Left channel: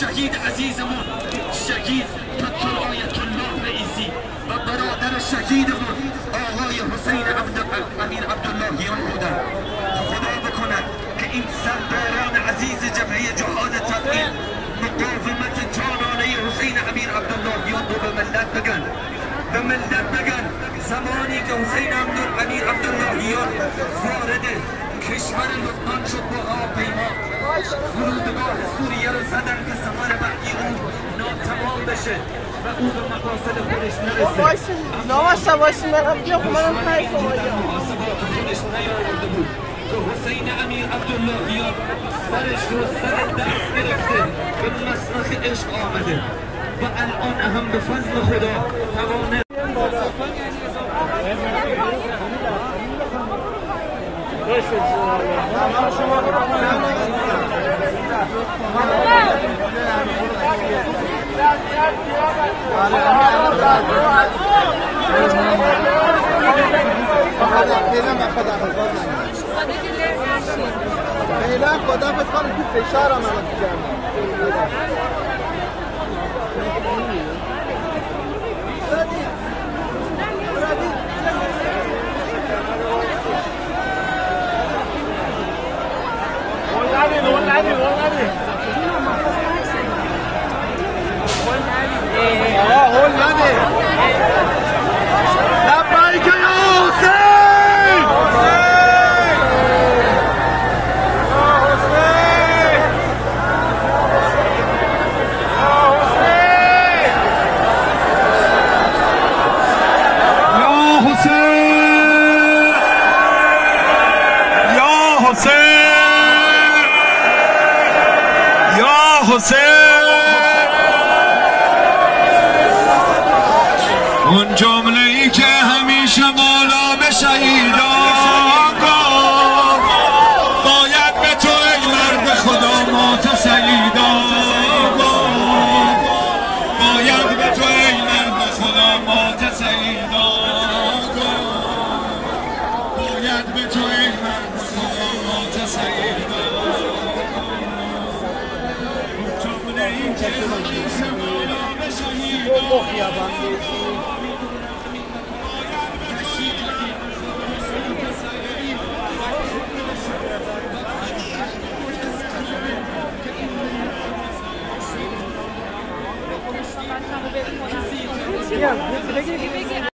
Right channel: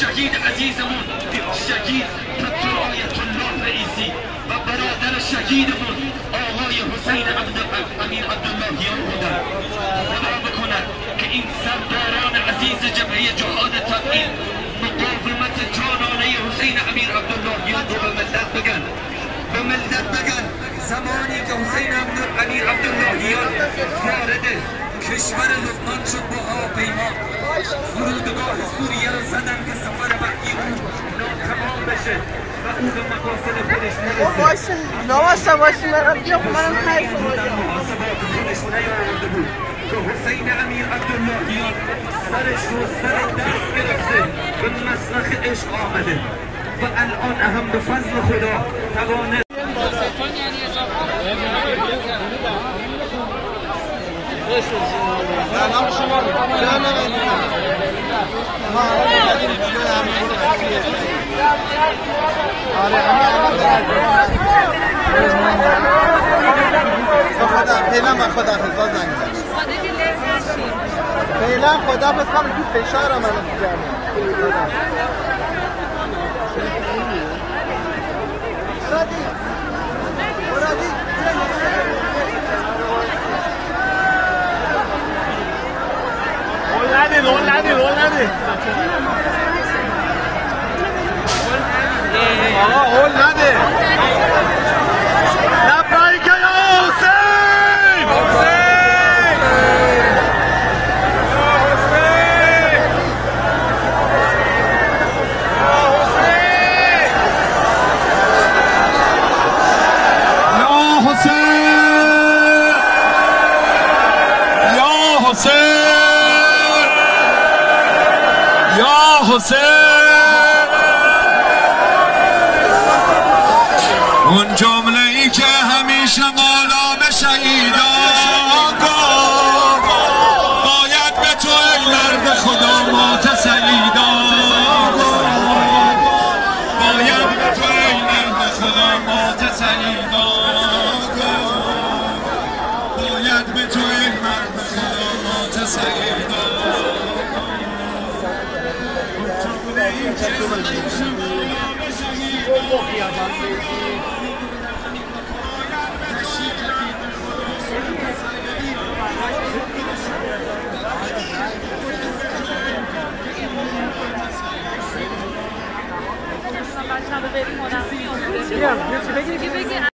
شهید عزیزمون شهید دکتر آیت الله رئیسی و برادر شهیدمون آقای حسین امیر عبداللهیان بودن. خدا بکنه که این سرداران عزیز جبهه جهاد تبعید مقاومت جانانه حسین امیر عبداللهیان رو به ملت بگن، به ملت بگن زمانی که حسین امیر عبداللهیان وارد کشور لبنان شد با هواپیما فرودگاه سوریه رو زدن که سفر بعدی تمام بشه و او به مقاصد خودش نرسه. نواسه باشیم مرد بیا خب منم خیلی باشم خودش نیاورده بود که حسین امیر عبداللهیان سرش رو سر دست گرفته به مسلخ عشق آمده و الان هم به فضل خدا توانه فعلا خداحافظ کنم تو فشارم الان تو جمعه. اون جمله ای که همیشه مولا به شهیدان گفت باید به تو ای مرد خدا مات سیدان باید به تو ای مرد خدا مات سیدان باید به تو ای مرد خدا مات سیدان اون جمله ای که همیشه مولا به شهیدان بیا بگی